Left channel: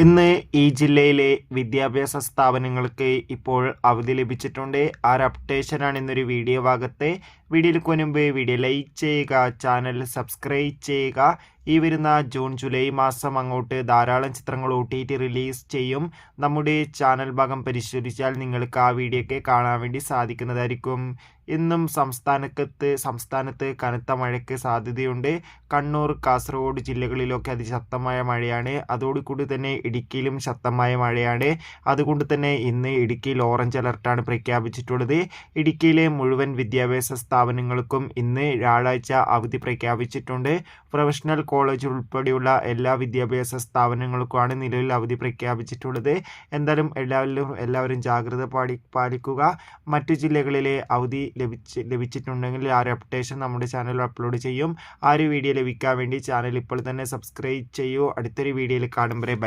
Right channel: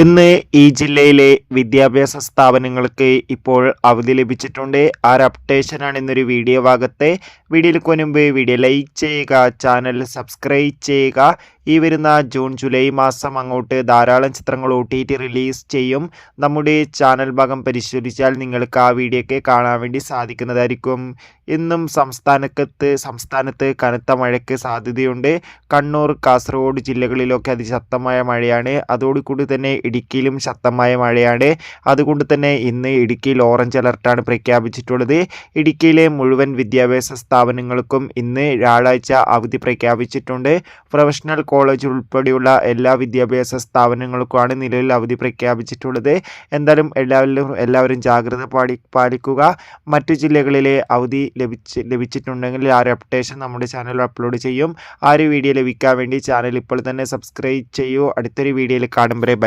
ഇന്ന് ഈ ജില്ലയിലെ വിദ്യാഭ്യാസ സ്ഥാപനങ്ങൾക്ക് ഇപ്പോൾ അവധി ലഭിച്ചിട്ടുണ്ട്. ആ ഒരു അപ്ഡേഷനാണ് ഇന്നൊരു വീഡിയോ ഭാഗത്തെ. വീഡിയോയിലേക്ക് മുൻപ് വീഡിയോ ലൈക്ക് ചെയ്യുക, ചാനൽ സബ്സ്ക്രൈബ് ചെയ്യുക. ഈ വരുന്ന ജൂൺ ജൂലൈ മാസം അങ്ങോട്ട് ധാരാളം ചിത്രങ്ങൾ OTT റിലീസ് ചെയ്യും. നമ്മുടെ ചാനൽ ഭാഗം പരിശോധിച്ചാൽ നിങ്ങൾക്ക് ആ വീഡിയോ ഒക്കെ കാണാൻ വേണ്ടി സാധിക്കുന്നതായിരിക്കും. ഇന്നും സംസ്ഥാനത്ത് കനത്ത മഴയ്ക്ക് സാധ്യതയുണ്ട്. കണ്ണൂർ, കാസർഗോഡ് ജില്ലകളിലൊക്കെ അതിശക്തമായ മഴയാണ്. അതോടുകൂടി തന്നെ ഇടുക്കിയിലും ശക്തമായ മഴയാണ്. അതുകൊണ്ട് തന്നെ ഇന്ന് ഇടുക്കിയിൽ ഓറഞ്ച് അലർട്ടാണ് പ്രഖ്യാപിച്ചിട്ടുള്ളത്. ഇടുക്കിയിലെ മുഴുവൻ വിദ്യാഭ്യാസ സ്ഥാപനങ്ങൾക്കും ഇന്ന് വ്യാഴാഴ്ച അവധി പ്രഖ്യാപിച്ചിട്ടുണ്ട്. പ്രൊഫഷണൽ കോളേജ് ഉൾപ്പെടെയുള്ള എല്ലാ വിദ്യാഭ്യാസ സ്ഥാപനങ്ങൾക്കുമാണ് നിലവിൽ അവധി പ്രഖ്യാപിച്ചിട്ടുള്ളത്. എന്തായാലും എല്ലാവരും ജാഗ്രത പാലിക്കുക. മറ്റു ജില്ലകളിലെ അവധി ലഭിച്ചിട്ടുണ്ടെങ്കിൽ ആ ഒരു അപ്ഡേഷൻ നമ്മുടെ ചാനലിൽ അപ്ലോഡ് ചെയ്യും. ആ ഒരു വീഡിയോ ലഭിക്കാൻ വേണ്ടി ചാനൽ ഇപ്പോൾ തന്നെ സബ്സ്ക്രൈബ് ചെയ്യൂ. അടുത്തൊരു വീഡിയോയിൽ കാണും വരെ ബൈ.